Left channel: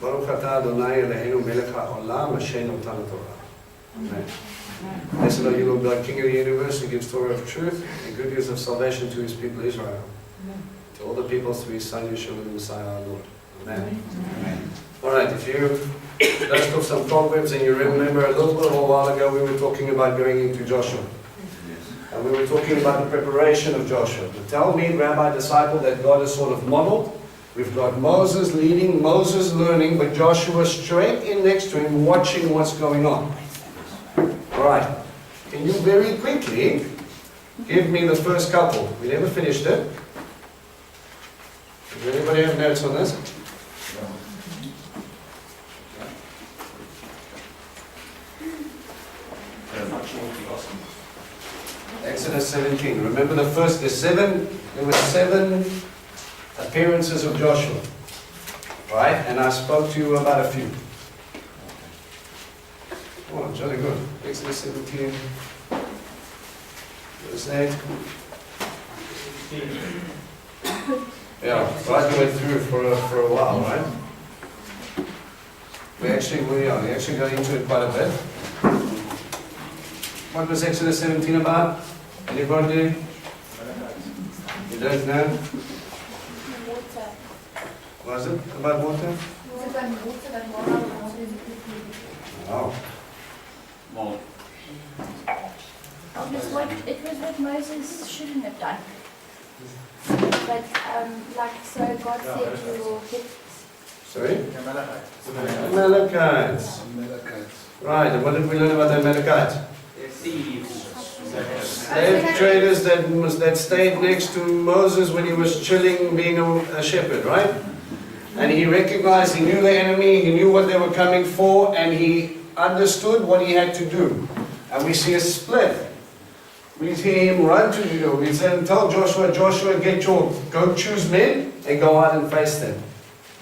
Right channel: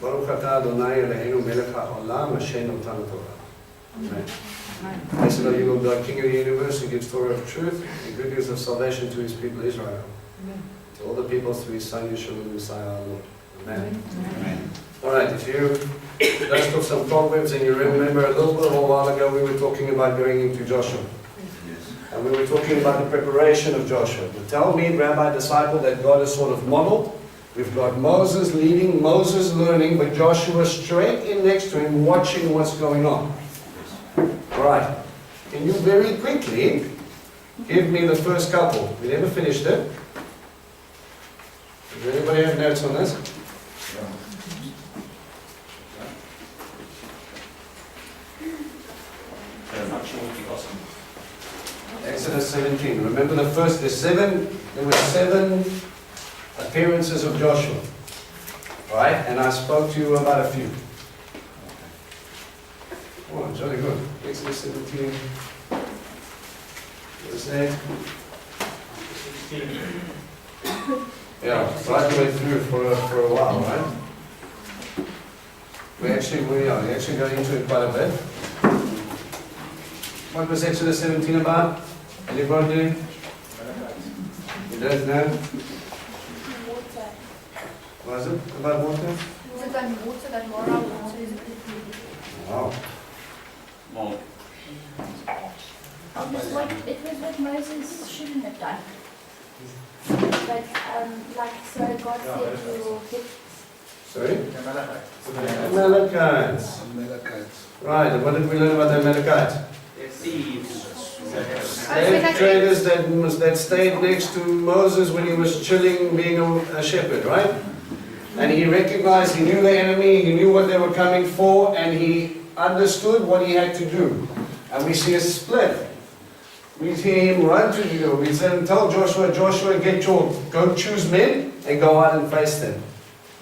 Baruch atah Adonai Eloheinu melech haolam asher natan Torah. Amen. Blessed are you, Lord God, King of the universe, who gives Torah of truth and good news of salvation to his people Israel. Amen. To all the peoples through his Son Yeshua the Messiah our Lord. Amen. Amen. Alright, if you just took some proverbs and you remember a little while ago we were talking about going into Joshua. And we were talking about the preparation of Joshua. The Talmud, rabbi, disciple that God has sort of modeled. We've got Moses leading, Moses learning, but Joshua straight in next to him watching what's going on. Alright, can you very quickly give me the first couple? We never finished it. Does anybody have notes on this? Exodus 17. Remember there were 7 appearances of Joshua. Right? And I spoke to you about a few. Oh, jolly good. Exodus 17. Verse 8. Yeah, right the way through for a while, right? We actually got into it quite a bit. What was Exodus 17 about? Anybody? You don't know? Water. Was it about water? Was it about water that moral water is Oh. Well, it was what Moses shouldn't have done. But so God said to hit. Sorry? Amalekites. Amalekites. Right, and what did we learn about the Amalekites? thieves. Slave traders that stayed next to Moses when he was chilling being a shepherd, right? And he recognized, he knew the enemy, he knew what they were coming for, and he understood what he had to do. And we see a split. We see him run to you. We say, tell Joshua, go choose men and go out and face them.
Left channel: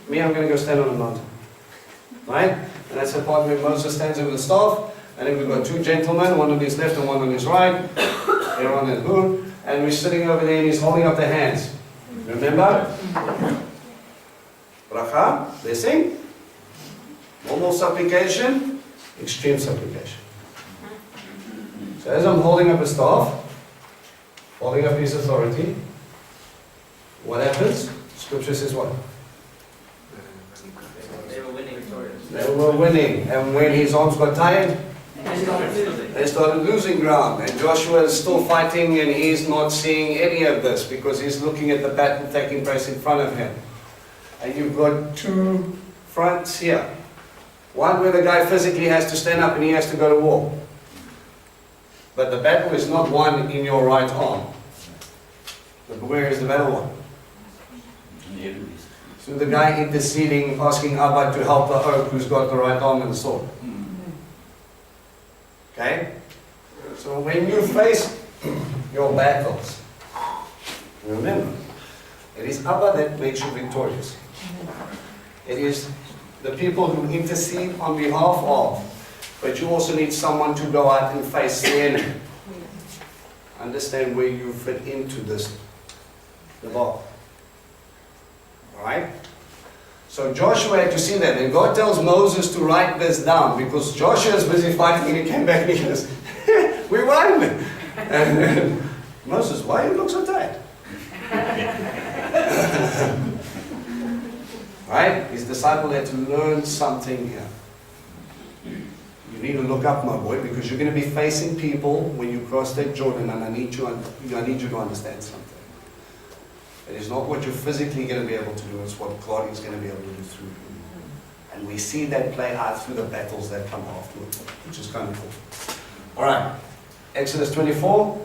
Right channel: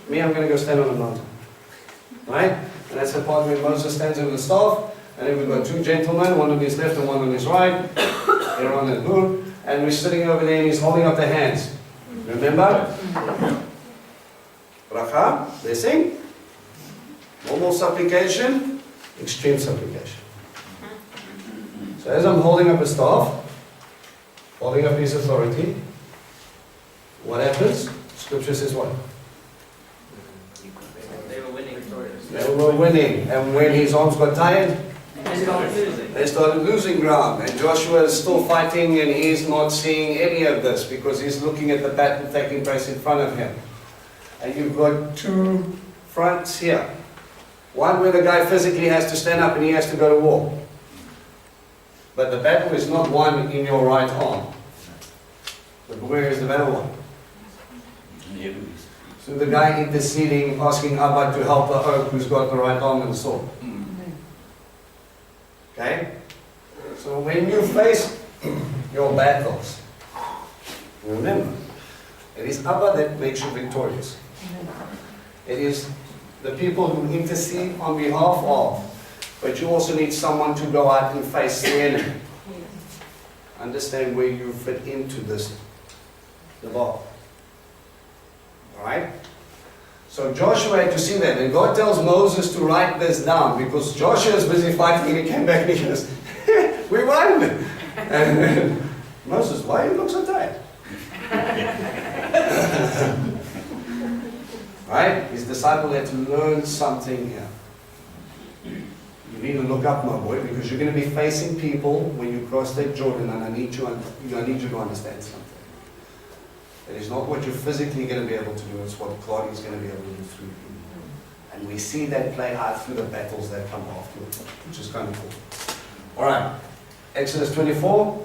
Me, I'm going to go stand on a mountain. Right? And that's the part where Moses stands with the staff. And then we've got 2 gentlemen, one on his left and one on his right, Aaron and Hur, and we're sitting over there and he's holding up their hands. Remember? Bracha, blessing, normal supplication, extreme supplication. So as I'm holding up a staff, holding up his authority, what happens? Scripture says what? They were winning. They were winning, and when his arms got tired, they started losing ground, and Joshua is still fighting and he's not seeing any of this because he's looking at the battle taking place in front of him. And you've got 2 fronts here. One where the guy physically has to stand up and he has to go to war. But the battle is not won in your right arm. But where is the battle won? So the guy interceding, asking Abba to help the oak who's got the right arm and the sword. Okay? So when you face your battles, remember, it is Abba that makes you victorious. It is the people who intercede on behalf of, but you also need someone to go out and face the enemy. Understand where you fit into this debate. Alright? So Joshua had to see that, and God tells Moses to write this down because Joshua is busy fighting and he came back and he goes, we won! And Moses, why you look so tired? Right? His disciple had to learn something here. You need to look up, my boy, because you're going to be facing people when you cross that Jordan, and I need you to understand something. It is not what you're physically going to be able to do, it's what God is going to be able to do through you. And we see that play out through the battles that come afterwards, which is kind of cool. Alright, Exodus 24.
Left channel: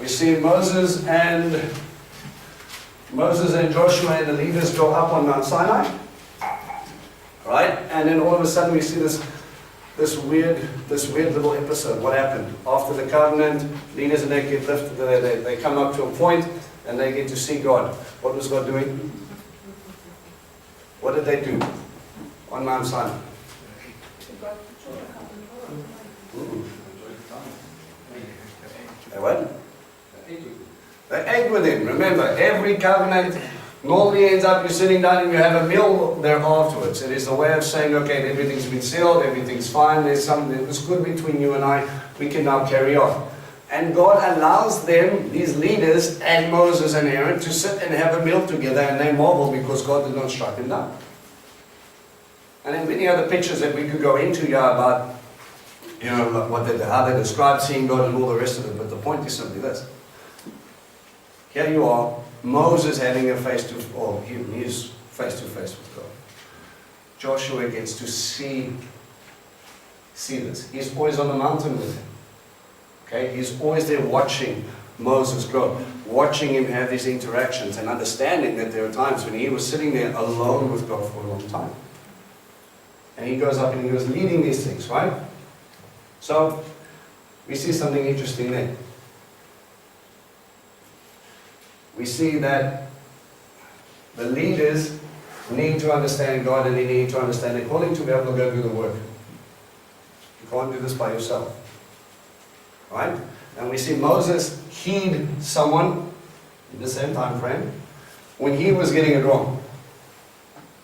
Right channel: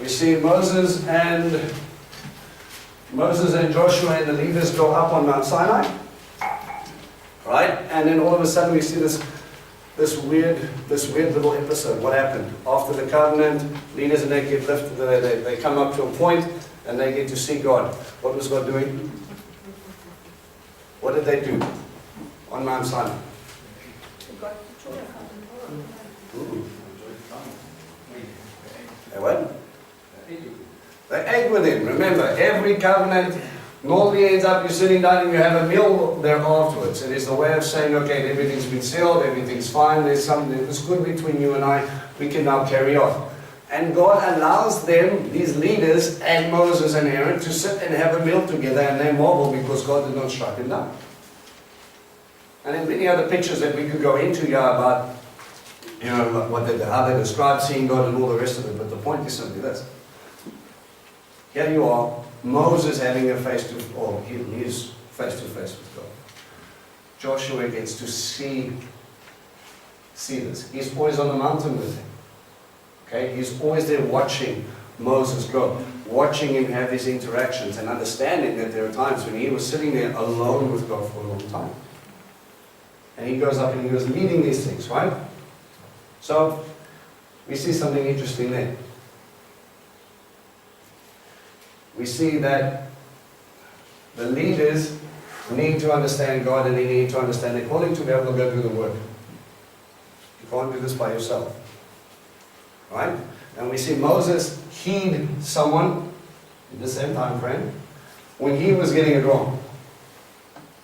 We see Moses and Joshua and the leaders go up on Mount Sinai. Right? And then all of a sudden we see this weird little episode. What happened? After the covenant, leaders and they get lifted, they come up to a point and they get to see God. What was God doing? What did they do on Mount Sinai? They what? They ate with him. Remember, every covenant normally ends up you sitting down and you have a meal there afterwards. It is the way of saying, okay, everything's been sealed, everything's fine, there's something that's good between you and I, we can now carry on. And God allows them, these leaders, and Moses and Aaron, to sit and have a meal together, and they marvel because God did not strike them down. And then many other pictures that we could go into here about, you know, how they describe seeing God and all the rest of it, but the point is simply this. Here you are, Moses having a he's face-to-face with God. Joshua gets to see this. He's always on the mountain with him. Okay, he's always there watching Moses grow, watching him have these interactions and understanding that there are times when he was sitting there alone with God for a long time. And he goes up and he was leading these things, right? So, we see something interesting there. We see that the leaders need to understand God and they need to understand their calling to be able to go do the work. You can't do this by yourself. Right? And we see Moses heed someone in the same time frame when he was getting it wrong.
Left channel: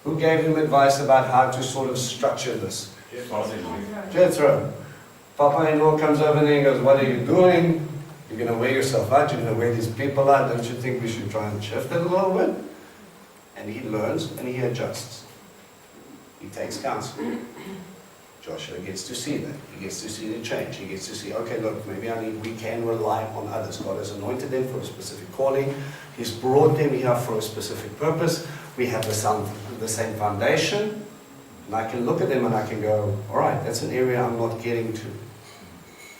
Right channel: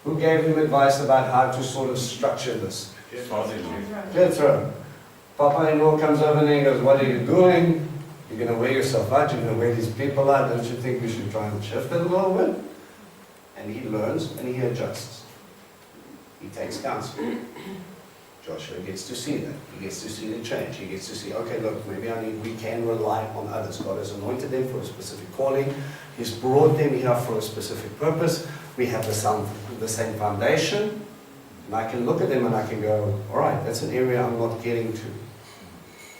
Who gave him advice about how to sort of structure this? Jethro. Papa-in-law comes over there and goes, what are you doing? You're going to wear yourself out, you're going to wear these people out, don't you think we should try and shift it a little bit? And he learns and he adjusts. He takes counsel. Joshua gets to see that. He gets to see the change. He gets to see, okay, look, maybe we can rely on others. God has anointed them for a specific calling. He's brought them here for a specific purpose. We have the same foundation. And I can look at them and I can go, all right, that's an area I'm not getting to.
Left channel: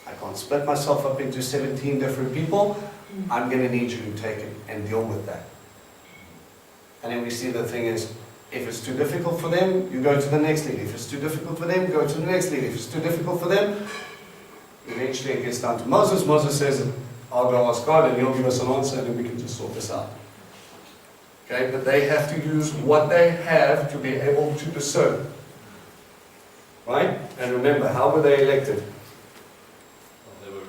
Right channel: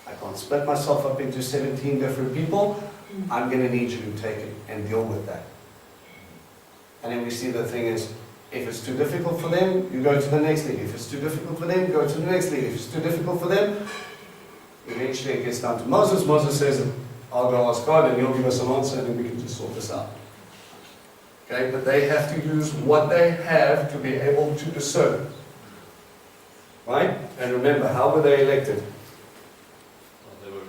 I can't split myself up into 17 different people. I'm going to need you to take it and deal with that. And then we see the thing is, if it's too difficult for them, you go to the next leader. If it's too difficult for them, go to the next leader. If it's too difficult for them, eventually it gets down to Moses. Moses says, I'll go ask God and he'll give us an answer and then we can just sort this out. Okay, but they have to use what they have to be able to discern. Right? And remember, how were they elected? Well, they were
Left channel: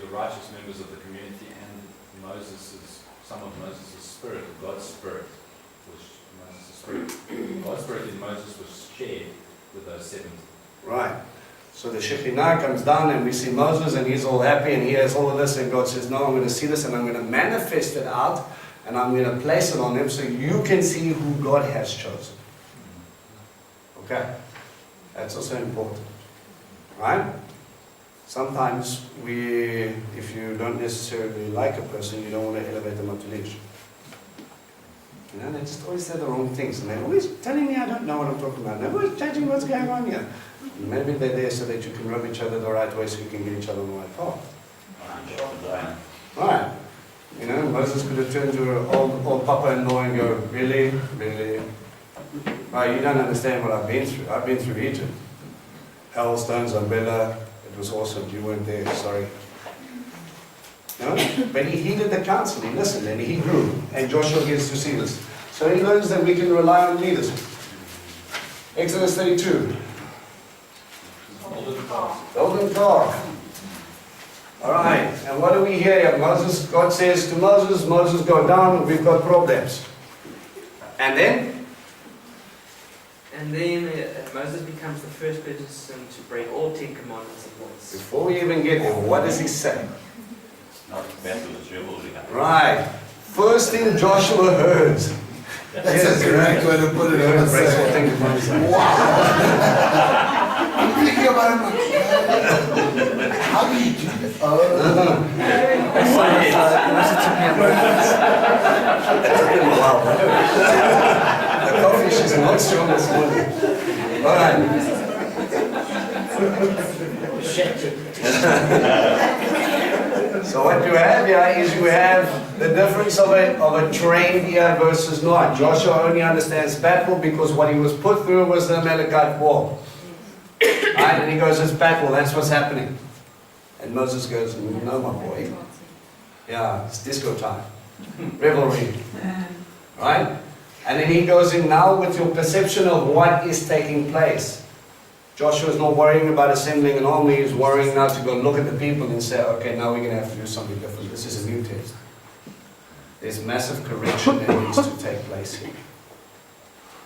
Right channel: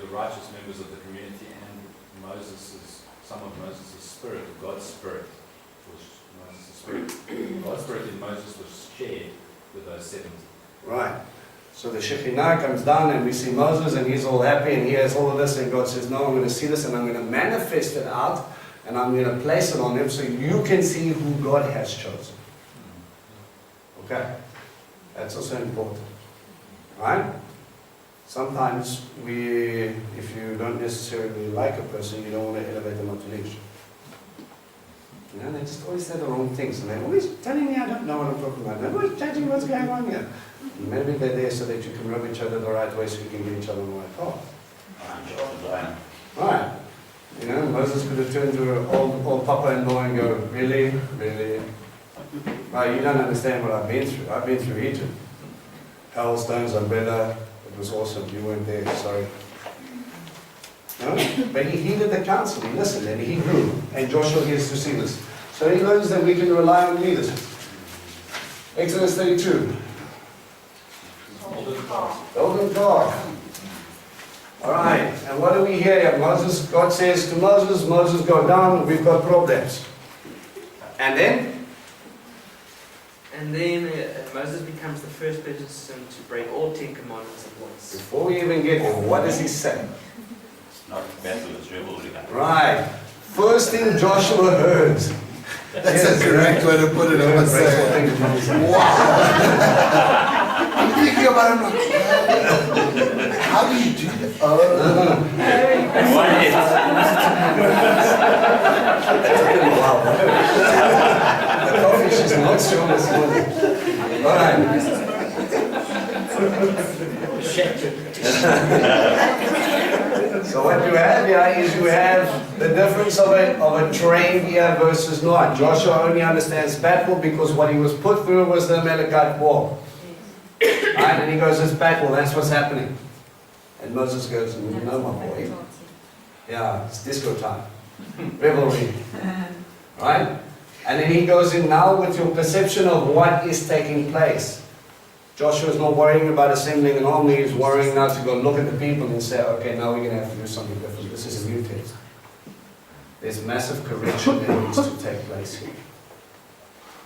the righteous members of the community, and some of Moses' spirit, God's spirit, was Moses' spirit. God's spirit in Moses was shared with those 70. Right. So the Shekinah comes down and we see Moses and he's all happy and he has all of this, and God says, no, I'm going to see this and I'm going to manifest it out and I'm going to place it on them so you can see who God has chosen. Okay. That's also important. Right? Sometimes if you don't necessarily like a person, you don't want to elevate them up to leadership. You know, they just always say the wrong things and they're always telling me I don't know what I'm talking about. They're always judging what's going on here. And maybe they're there so that you can rub each other the right way so you can get each other on the right path. Right. You know, Moses could have turned to her old papa-in-law and go, really? Really? Oh, you don't understand what I've been through. I've been through Egypt. Hailstones, umbrella. It was awesome. You weren't there. Sorry. No? But he heeded the counsel. He listened and he grew. And Joshua gets to see this. So he learns that we can rely on leaders. Exodus 32. Golden calf. Alright. And what do we hear here? God says to Moses, Moses, go down. We've got problems. And then? And then Moses becomes the first person to break all 10 commandments at once. Before we even get there, what does he say? It's not battle, it's revolution. Right. First thing Joshua heard. That's a correct way to put it on the side. Wow. I'm thinking about it. How do you do that? No. It took him a while. The coffee, she's not strong this morning. All right. So what you have here is you have the difference of a trained ear versus not. Joshua only understands battle because what he was put through was the Amalekite war. Right? And he goes, it's battle, that's what's happening. And Moses goes, no, my boy. Yeah, it's disco time. Revelry. Right? And then he goes in now with your perception of what is taking place. Joshua's not worrying about assembling an army, he's worrying now to go look at the people and say, okay, now we're going to have to do something different. This is a new test. There's massive correction that needs to take place here.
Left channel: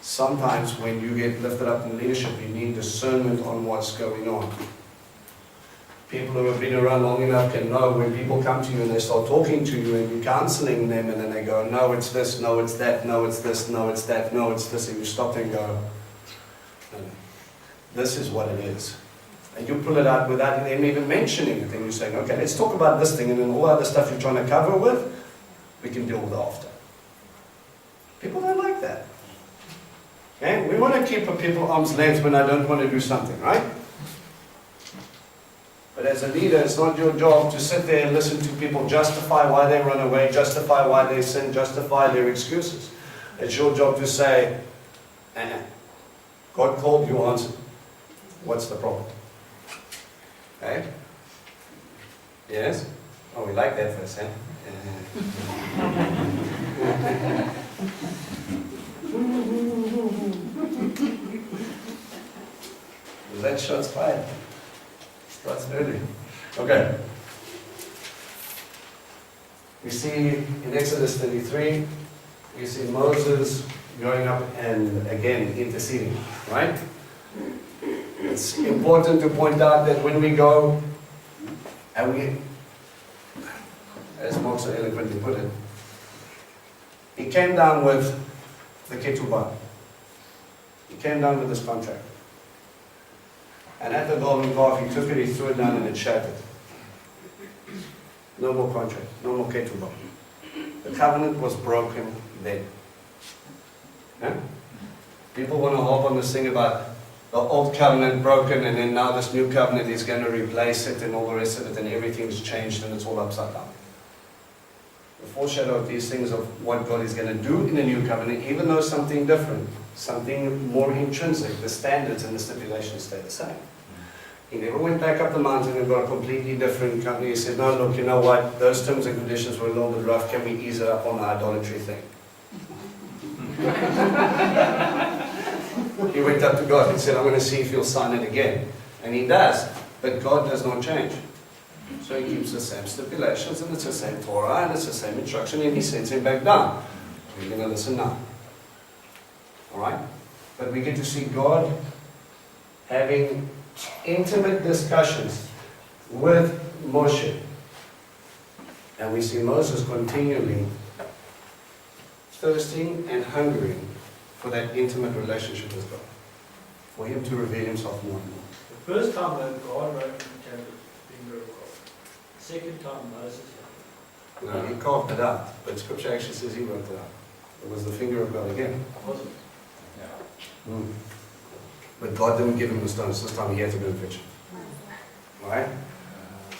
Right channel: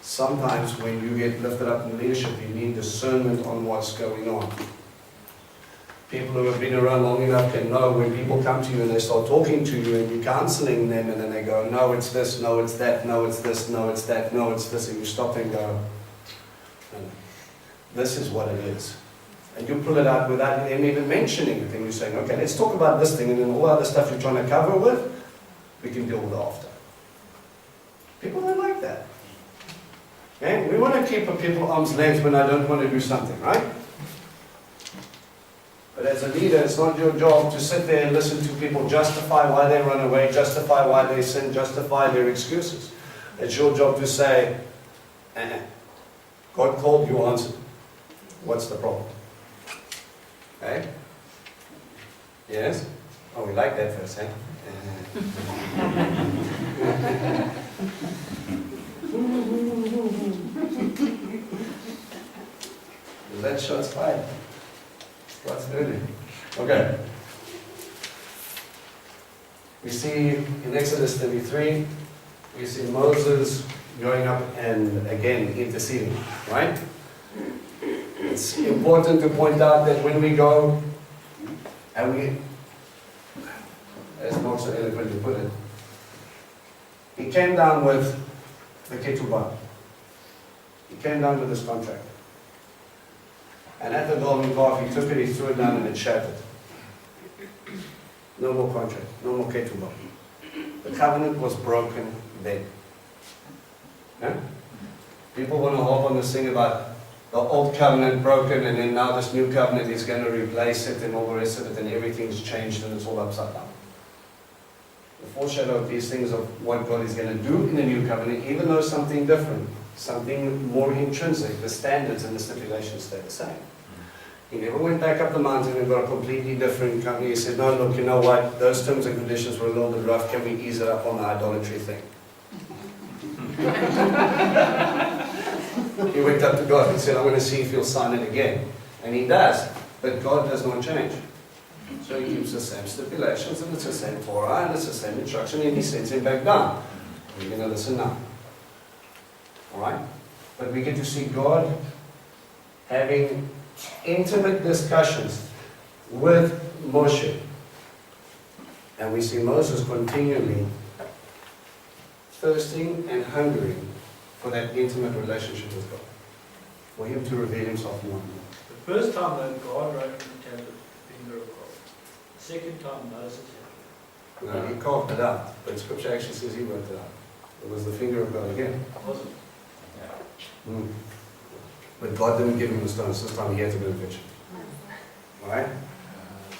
Sometimes when you get lifted up in leadership, you need discernment on what's going on. People who have been around long enough can know when people come to you and they start talking to you and you're counseling them and then they go, no, it's this, no, it's that, no, it's this, no, it's that, no, it's this, and you stop and go, no, no. This is what it is. And you pull it out without them even mentioning it, and you're saying, okay, let's talk about this thing, and then all the other stuff you're trying to cover with, we can deal with after. People don't like that. Okay? We want to keep people arm's length when I don't want to do something, right? But as a leader, it's not your job to sit there and listen to people justify why they run away, justify why they sin, justify their excuses. It's your job to say, God called, you answered. What's the problem? Okay? Yes? Oh, we like that first, eh? That shot's fired. Starts early. Okay. We see in Exodus 33, we see Moses going up and again interceding, right? It's important to point out that when we go and we, as Mark so eloquently put it, he came down with the ketubah. He came down with this contract. And at the golden calf, he took it, he threw it down, and it shattered. No more contract, no more ketubah. The covenant was broken then. Yeah? People want to hop on this thing about the old covenant broken, and then now this new covenant is going to replace it, and all the rest of it, and everything's changed, and it's all upside down. The foreshadow of these things of what God is going to do in the new covenant, even though something different, something more intrinsic, the standards and the stipulations stay the same. He never went back up the mountain and got a completely different company. He said, no, look, you know what, those terms and conditions were a little bit rough, can we ease it up on the idolatry thing? He went up to God and said, I'm going to see if you'll sign it again. And he does, but God does not change. So he keeps the same stipulations, and it's the same Torah, and it's the same instruction, and he sends him back down. We're going to listen now. Alright? But we get to see God having intimate discussions with Moshe. And we see Moses continually thirsting and hungering for that intimate relationship with God. For him to reveal himself more and more. The first time that God wrote in the tablet, the finger of God. The second time Moses had it. No, he carved it out, but Scripture actually says he wrote it out. It was the finger of God again. Was it? But God didn't give him the stones. This time he had to go and fetch it. Alright?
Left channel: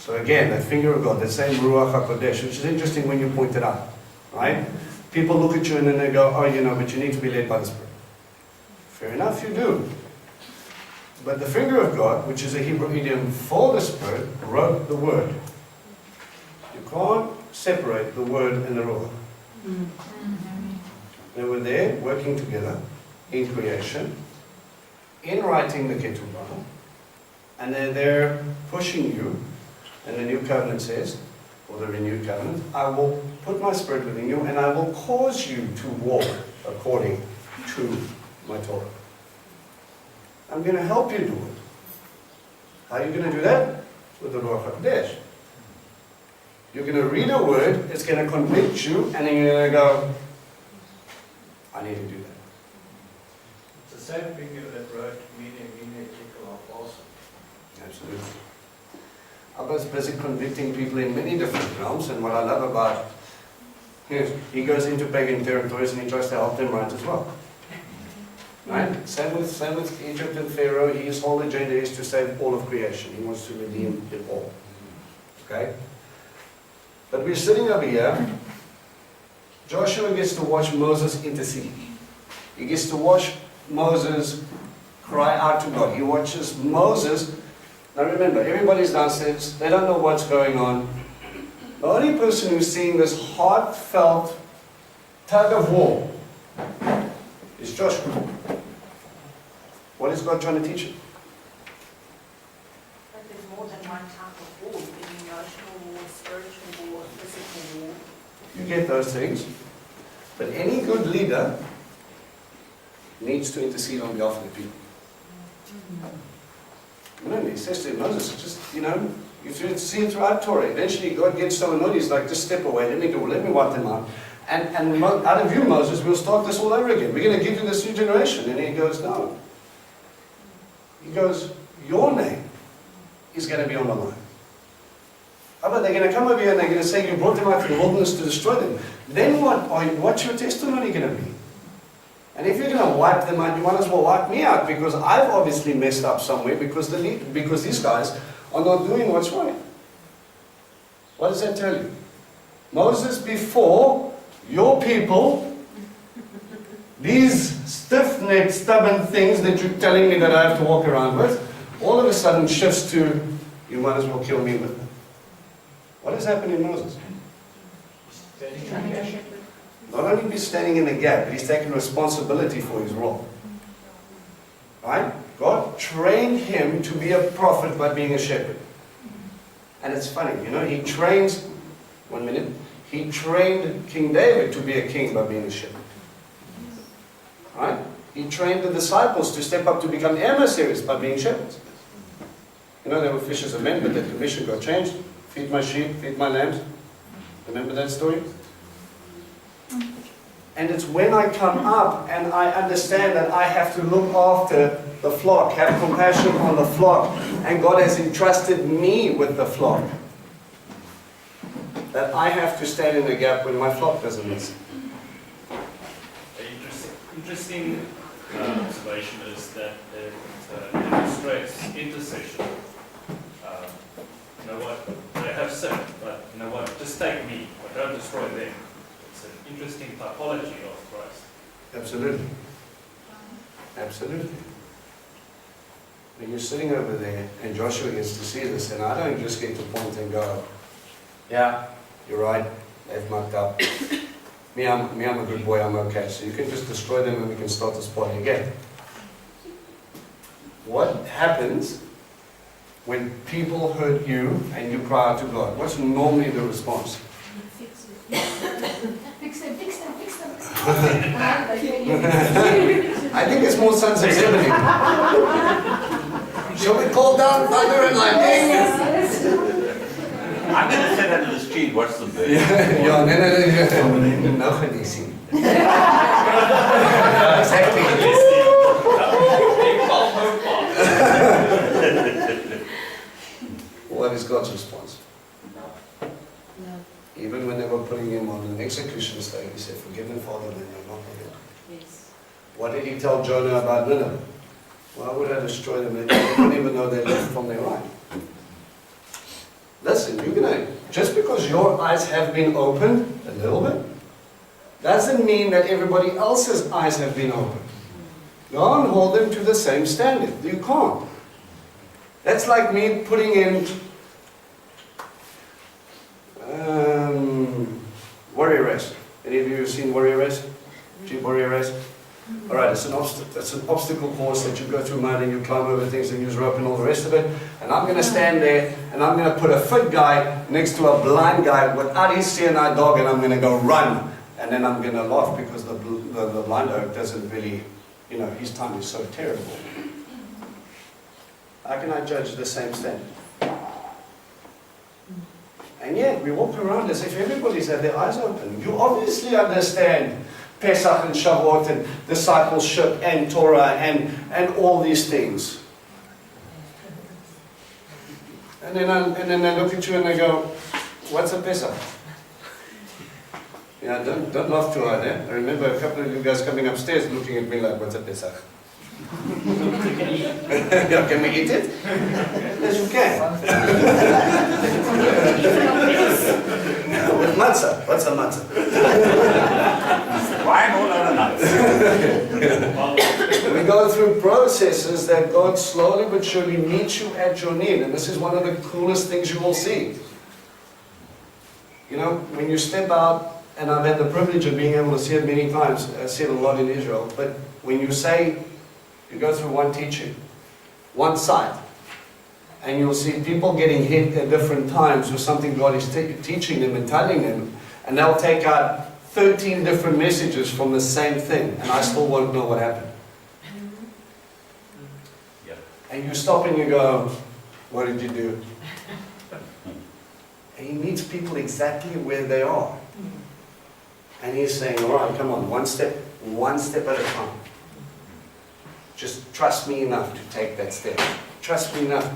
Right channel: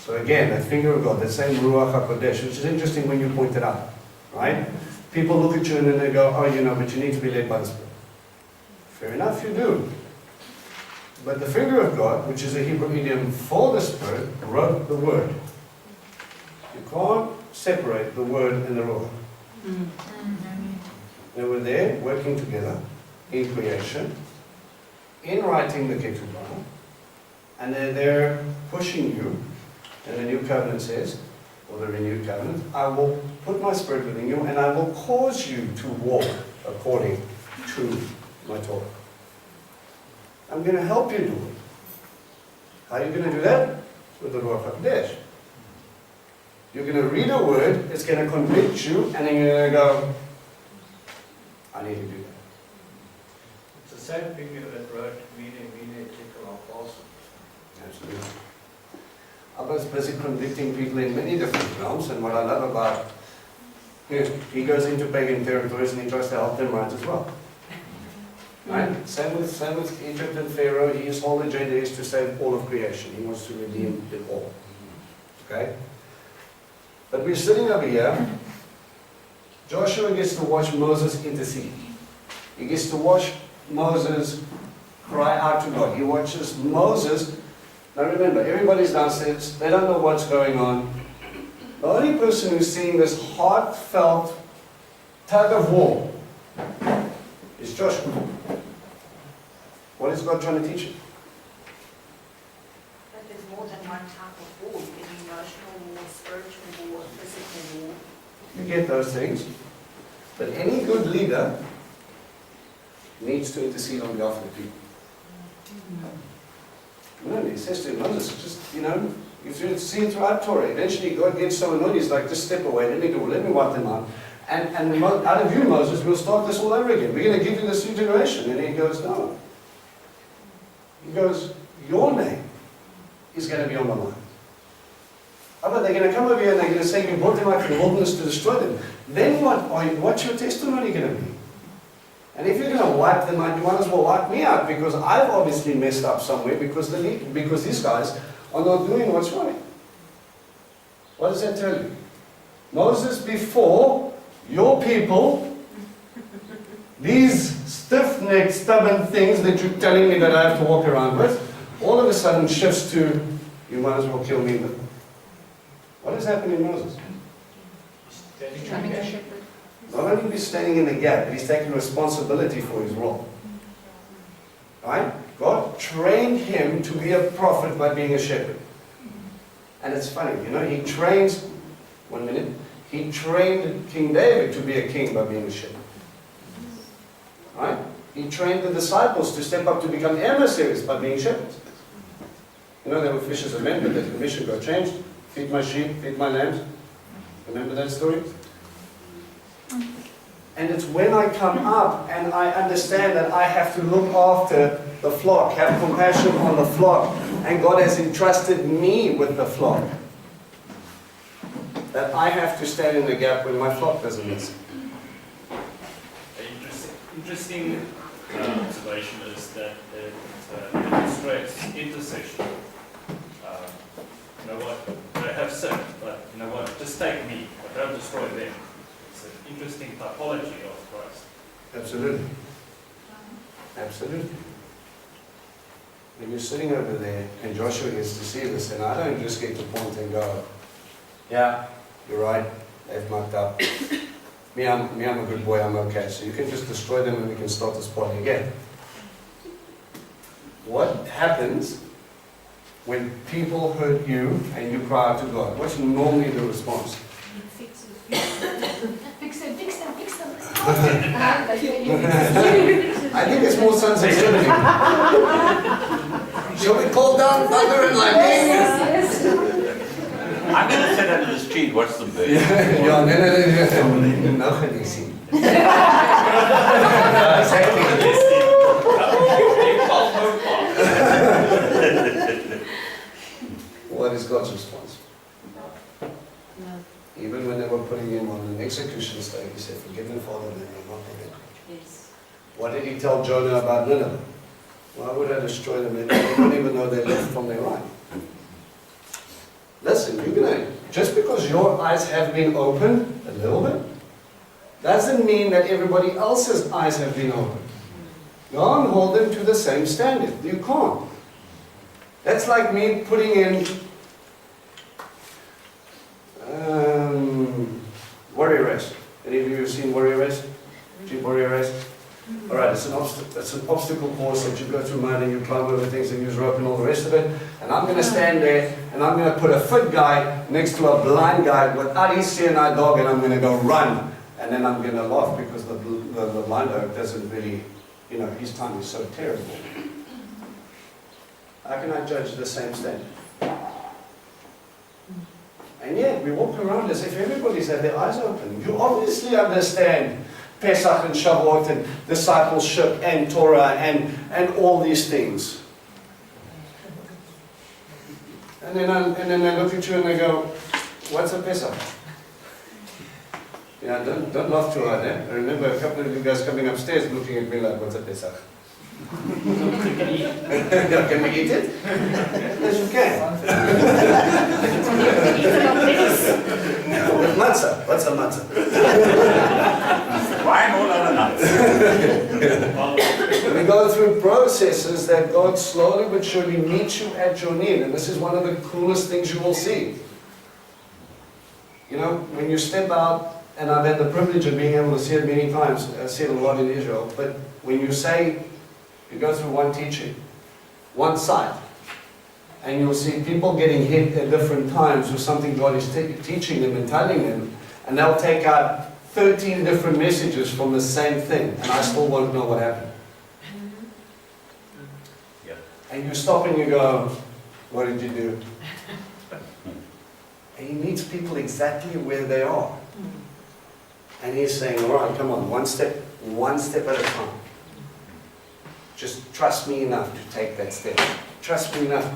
So again, that finger of God, that same Ruach HaKodesh, which is interesting when you point it out. Right? People look at you and then they go, oh, you know, but you need to be led by the Spirit. Fair enough, you do. But the finger of God, which is a Hebrew idiom for the Spirit, wrote the Word. You can't separate the Word and the Ruach. They were there working together in creation, in writing the ketubah, and they're there pushing you. And the new covenant says, or the renewed covenant, I will put my Spirit within you, and I will cause you to walk according to my Torah. I'm going to help you do it. How are you going to do that? With the Ruach HaKodesh. You're going to read a word, it's going to convict you, and then you're going to go, I need to do that. It's the same finger that wrote Mene, Tekel, Upharsin. Absolutely. I was busy convicting people in many different realms, and what I love about he goes into pagan territories and he tries to help them right as well. Right? Same with Egypt and Pharaoh. His whole agenda is to save all of creation. He wants to redeem it all. Okay? But we're sitting over here. Joshua gets to watch Moses intercede. He gets to watch Moses cry out to God. He watches Moses. Now remember, everybody's downstairs. They don't know what's going on. The only person who's seeing this heartfelt tug of war is Joshua. What is God trying to teach him? But there's more than one type of war. You can emotional war, spiritual war, physical war. You get those things. But any good leader needs to intercede on behalf of the people. He says to Moses, just, you see it throughout Torah. Eventually God gets so annoyed, he's like, just step away, let me wipe them out. And out of you, Moses, we'll start this all over again. We're going to give you this new generation. And he goes, no. He goes, your name is going to be on the line. How about they're going to come over here and they're going to say you brought them out to the wilderness to destroy them. Then what's your testimony going to be? And if you're going to wipe them out, you might as well wipe me out, because I've obviously messed up somewhere because these guys are not doing what's right. What does that tell you? Moses, before your people, these stiff-necked, stubborn things that you're telling me that I have to walk around with, all of a sudden shifts to, you might as well kill me with them. What is happening in Moses? Becoming a shepherd. Not only be standing in the gap, but he's taking responsibility for his role. Right? God trained him to be a prophet by being a shepherd. And it's funny, he trains, he trained King David to be a king by being a shepherd. Right? He trained the disciples to step up to become emissaries by being shepherds. They were fishers of men, but the commission got changed. Feed my sheep, feed my lambs. Remember that story? And it's when I come up and I understand that I have to look after the flock, have compassion on the flock, and God has entrusted me with the flock, that I have to stand in the gap when my flock doesn't listen. Interesting observation is that it demonstrates intercession. You know what, they have sinned, but you know what, just take me, but don't destroy them. It's an interesting typology of Christ. Absolutely. Absolutely. When you're sitting over there and Joshua gets to see this, and I don't just get to point and go, yeah, you're right, they've mucked up. Me, I'm a good boy, I'm okay. So you can just destroy them and we can start this party again. What happens when people hurt you and you cry out to God? What's normally the response? Fix it. Fix them. I think it's more sons of Zebedee. Shall we call down thunder and lightning? I'm going to sit under this tree and watch them burn. Ja, nee. Nou gaan die zien. What is God's response? Even when they were putting him on an execution stake, he said, forgive them, Father, they know not what they do. Yes. What did he tell Jonah about Nineveh? Why would I destroy them? They don't even know they left from their right. Listen, just because your eyes have been opened a little bit, doesn't mean that everybody else's eyes have been opened. Go and hold them to the same standard. You can't. That's like me putting in Warrior Race. Any of you have seen Warrior Race? Jeep Warrior Race? Alright, it's an obstacle course that you go through mud and you climb over things and use rope and all the rest of it. And I'm going to stand there and I'm going to put a fit guy next to a blind guy without his seeing eye dog, and I'm going to go run. And then I'm going to laugh because the blind dog doesn't really, his time is so terrible. How can I judge the same standard? And yet, we walk around as if everybody's had their eyes open. You obviously understand Pesach and Shavuot and discipleship and Torah and all these things. And then they look at you and they go, what's a Pesach? Don't laugh too hard, eh? I remember a couple of you guys coming upstairs looking at me like, what's a Pesach? Can we eat it? Yes, you can. With matzah. What's a matzah? Wine all other nuts. We go through processes that God slowly but surely meets you at your need. And this is one of the coolest things you will see. When you step out, and I've had the privilege of being able to see it many times, I've seen it a lot in Israel, but when you go through one teaching, one site, and you'll see people getting hit at different times with something God is teaching them and telling them, And they'll take out 13 different messages from the same thing, and I still won't know what happened. Yeah. And you stop and you go, what did you do? And he meets people exactly where they are. And he's saying, all right, come on, one step at a time. Just trust me enough to take that step. Trust me enough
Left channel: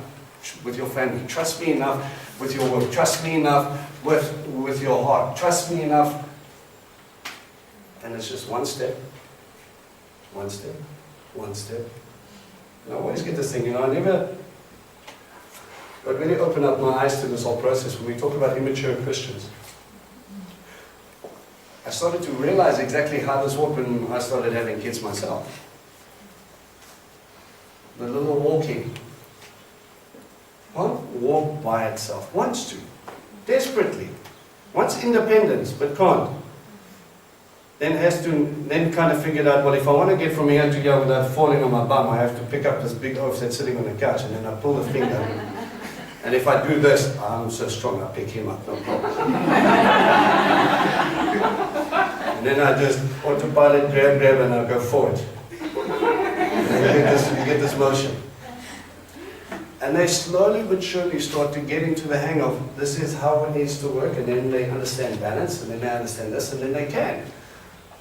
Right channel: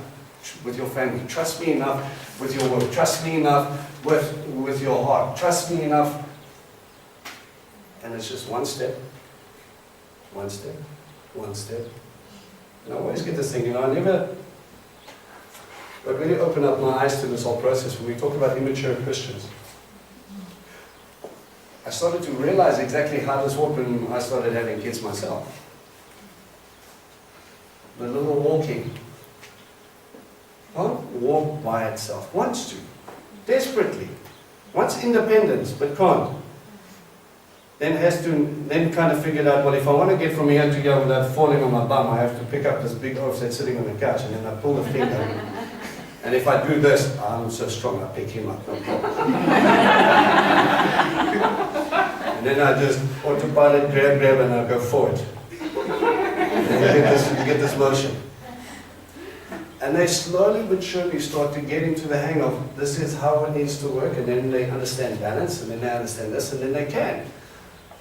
with your family. Trust me enough with your work. Trust me enough with your heart. Trust me enough. And it's just one step, one step, one step. And I always get this thing, you know, God really opened up my eyes to this whole process when we talk about immature Christians. I started to realize exactly how this worked when I started having kids myself. The little walking can't walk by itself. Wants to, desperately. Wants independence, but can't. Then kind of figured out, well, if I want to get from here to here without falling on my bum, I have to pick up this big oaf that's sitting on the couch, and then I pull the finger. And if I do this, I'm so strong, I pick him up, no problem. And then I just autopilot, grab, and I go forward. And you get this motion. And they slowly but surely start to get into the hang of, this is how it needs to work, and then they understand balance, and then they understand this, and then they can.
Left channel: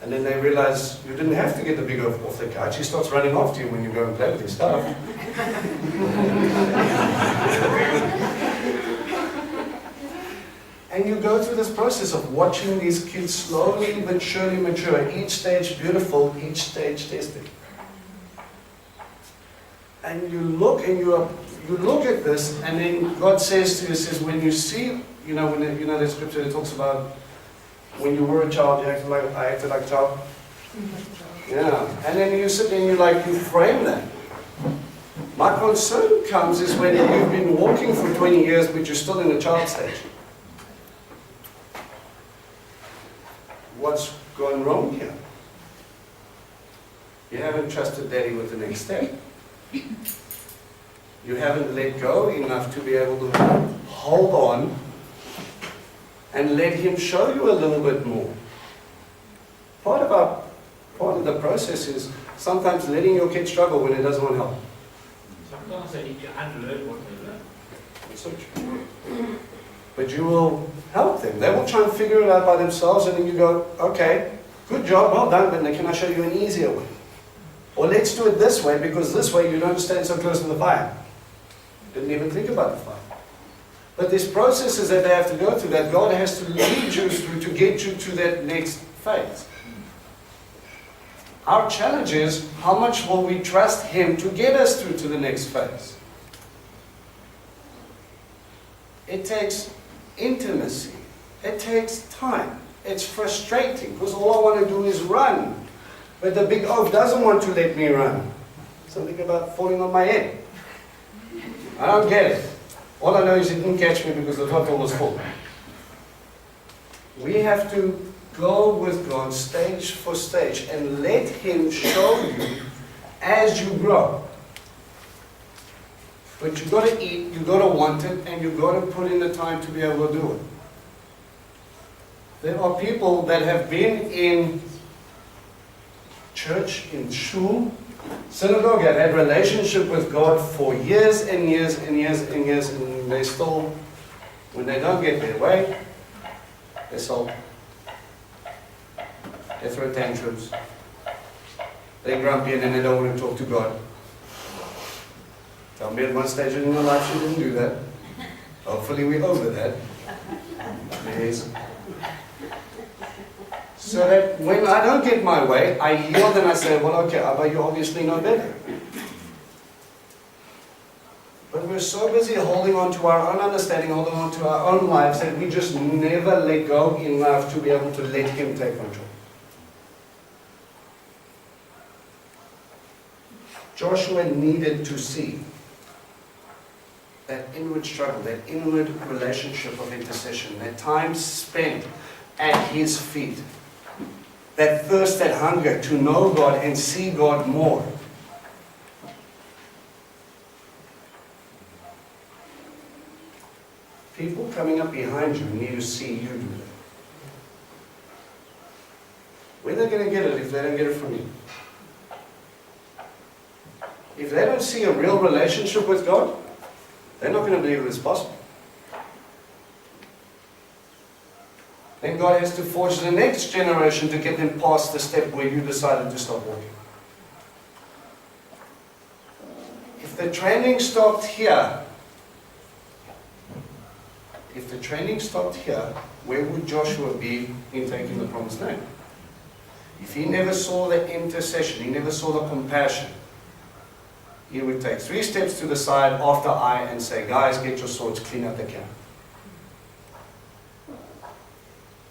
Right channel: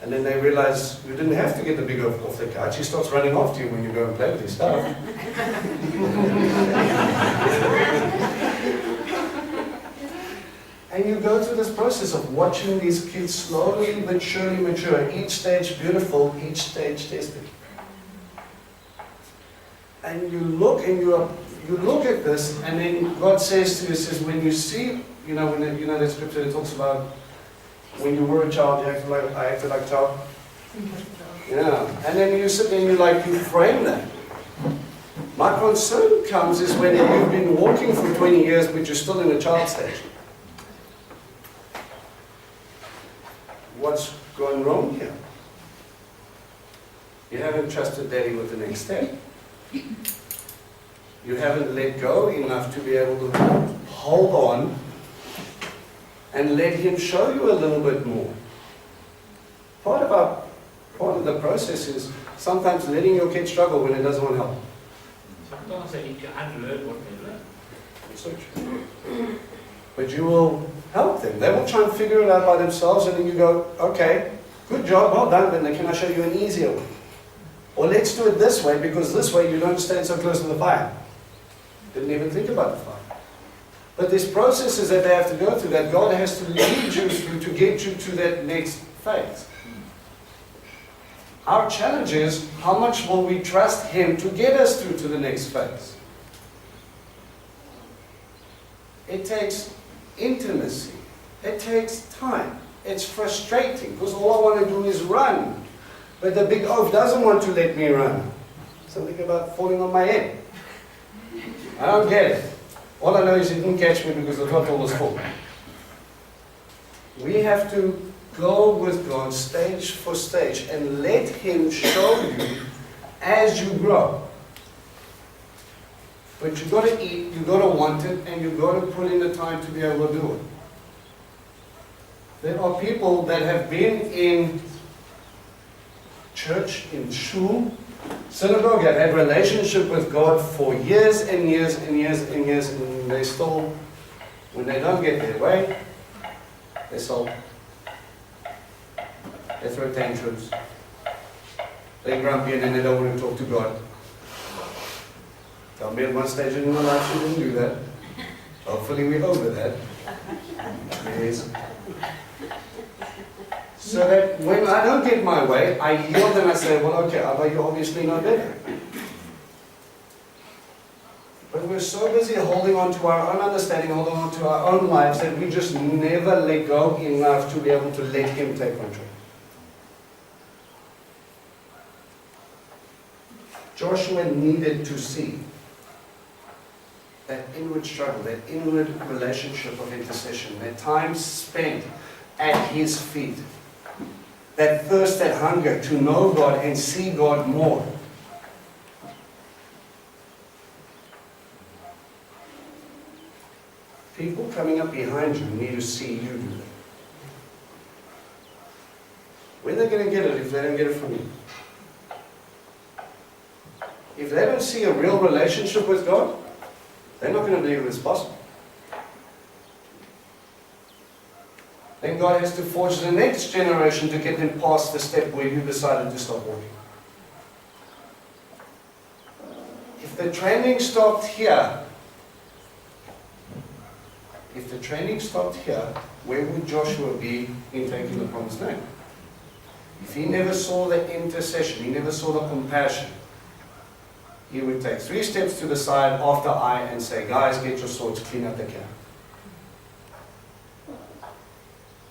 And then they realize you didn't have to get the big oaf off the couch. He starts running after you when you go and play with his stuff. And you go through this process of watching these kids slowly but surely mature. Each stage beautiful, each stage tested. And you look at this, and then God says to you, says, when you see, the scripture that talks about when you were a child, I acted like a child. Yeah. And then you sit there and you frame that. My concern comes is when you've been walking for 20 years, but you're still in the child stage. What's gone wrong here? You haven't trusted Daddy with the next step. You haven't let go enough to be able to hold on and let Him show you a little bit more. Part of the process is sometimes letting your kid struggle when it doesn't want help. Sometimes they need to unlearn what they learn. That's so true. But you will help them. They will try and figure it out by themselves, and then you go, okay, good job, well done, but can I show you an easier way? Or let's do it this way, because this way you don't stand so close to the fire. Didn't even think about the fire. But there's processes that they have to go through that God has to lead you through to get you to that next phase. Our challenge is, how much will we trust Him to get us through to the next phase? It takes intimacy. It takes time. It's frustrating, because all I want to do is run. But the big oaf doesn't want to let me run. Something about falling on my head. I don't get it. All I know is he didn't catch me because the throttle was full. We have to go with God stage for stage and let Him show you as you grow. But you've got to eat, you've got to want it, and you've got to put in the time to be able to do it. There are people that have been in church, in shul, synagogue, have had relationship with God for years and years and years and years, and they still, when they don't get their way, they sulk. They throw tantrums. They're grumpy and then they don't want to talk to God. Tell me at one stage in your life you didn't do that. Hopefully we're over that. Yes. So that when I don't get my way, I yield and I say, well, okay, Abba, you obviously know better. But we're so busy holding on to our own understanding, holding on to our own lives, that we just never let go enough to be able to let Him take control. Joshua needed to see that inward struggle, that inward relationship of intercession, that time spent at His feet, that thirst, that hunger to know God and see God more. People coming up behind you need to see you do that. Where are they going to get it if they don't get it from you? If they don't see a real relationship with God, they're not going to believe it's possible. Then God has to forge the next generation to get them past the step where you decided to stop walking. If the training stopped here, where would Joshua be in taking the promised land? If he never saw the intercession, he never saw the compassion, he would take 3 steps to the side after Ai and say, guys, get your swords, clean up the camp.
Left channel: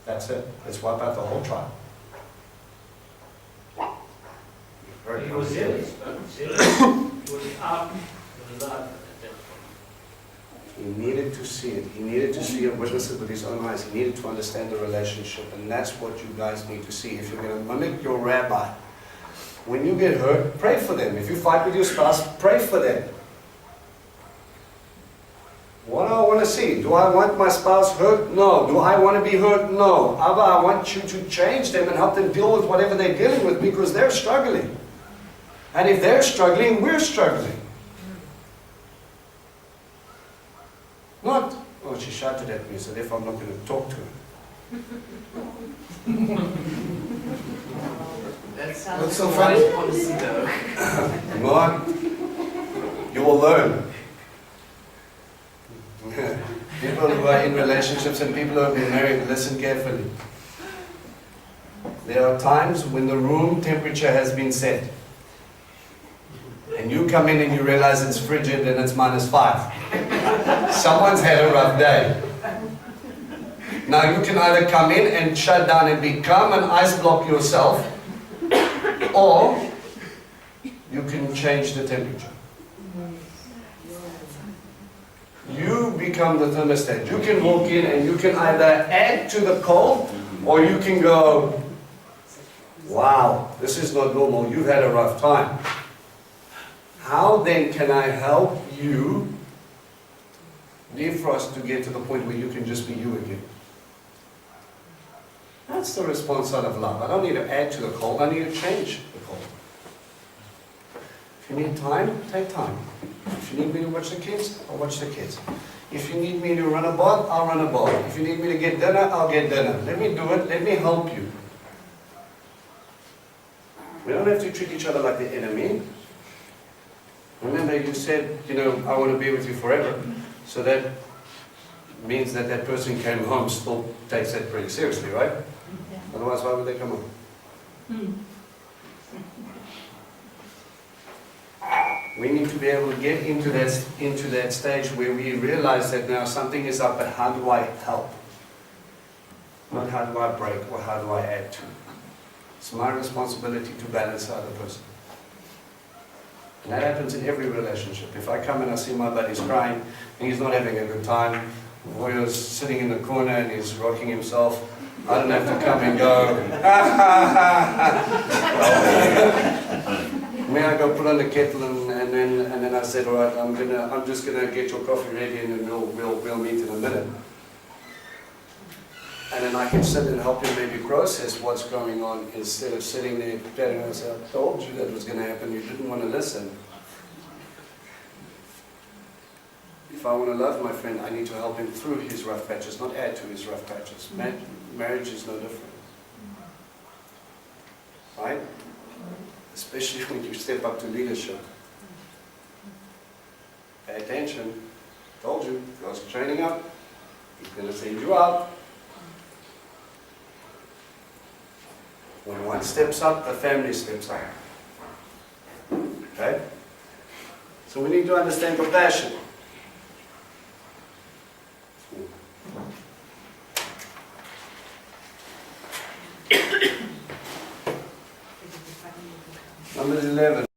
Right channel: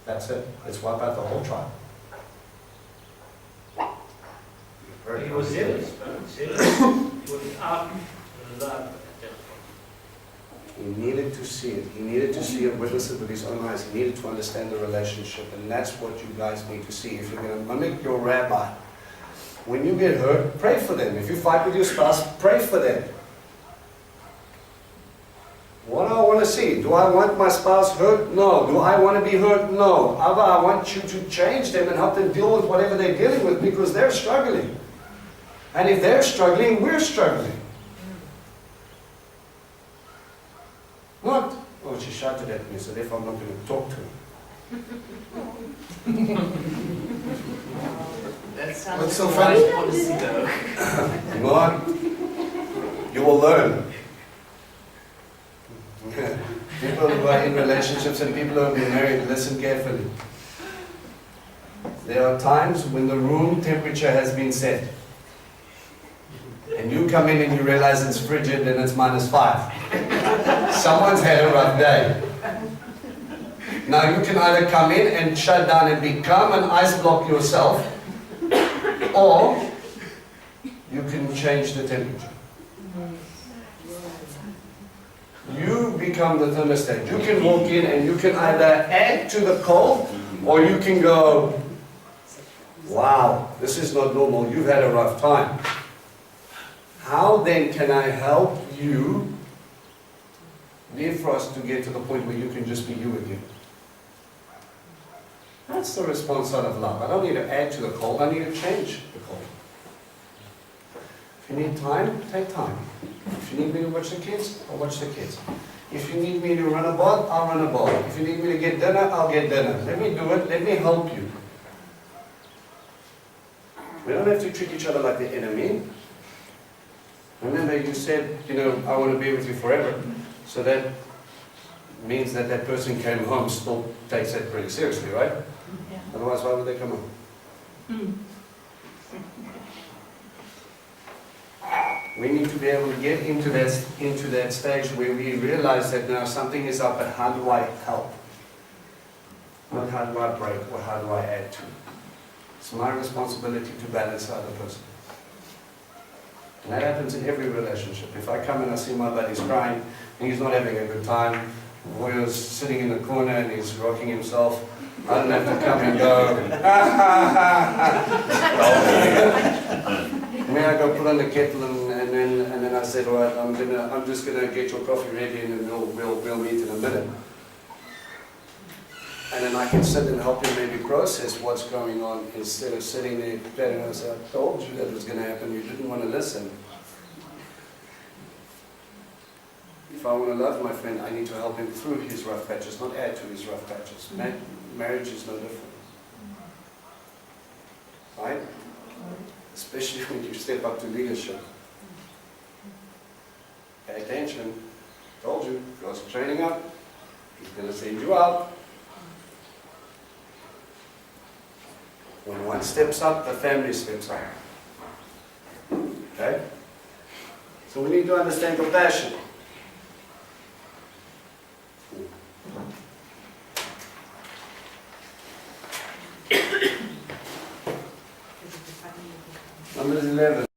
That's it. Let's wipe out the whole tribe. Very He was complicated. zealous. He was out the love at that point. He needed to see it. He needed to see it, witness it with his own eyes. He needed to understand the relationship. And that's what you guys need to see. If you're going to mimic your rabbi, when you get hurt, pray for them. If you fight with your spouse, pray for them. What do I want to see? Do I want my spouse hurt? No. Do I want to be hurt? No. Abba, I want you to change them and help them deal with whatever they're dealing with because they're struggling. And if they're struggling, we're struggling. Not, oh, she shouted at me, so therefore I'm not going to talk to her. That sounds What's so like funny? wise policy though. Not. You will learn. People who are in relationships and people who have been married, listen carefully. There are times when the room temperature has been set. And you come in and you realize it's frigid and it's -5. Someone's had a rough day. Now you can either come in and shut down and be calm and ice block yourself, or you can change the temperature. You become the thermostat. You can walk in and you can either add to the cold, or you can go, wow, this is not normal, you've had a rough time. How then can I help you defrost to get to the point where you can just be you again? That's the response out of love. I don't need to add to the cold, I need to change the cold. If you need time, take time. If you need me to watch the kids, I'll watch the kids. If you need me to run a bath, I'll run a bath. If you need me to get dinner, I'll get dinner. Let me do it, let me help you. We don't have to treat each other like the enemy. Remember you said, I want to be with you forever. So that means that that person came home still takes that pretty seriously, right? Yeah. Otherwise, why would they come home? We need to be able to get into that stage where we realize that now something is up, but how do I help? Not how do I break or how do I add to. It's my responsibility to balance the other person. And that happens in every relationship. If I come and I see my buddy's crying and he's not having a good time, or he's sitting in the corner and he's rocking himself, I don't have to come and go, May I go put on the kettle and then I said, all right, I'm just gonna get your coffee ready and then we'll meet in a minute. And then I can sit and help you maybe process what's going on instead of sitting there patting and say, I told you that was going to happen, you didn't want to listen. If I want to love my friend, I need to help him through his rough patches, not add to his rough patches. Marriage is no different. Right? Especially when you step up to leadership. Pay attention. Told you, God's training up. He's going to send you out. When one steps up, the family steps up. Okay? So we need to understand compassion. Numbers 11.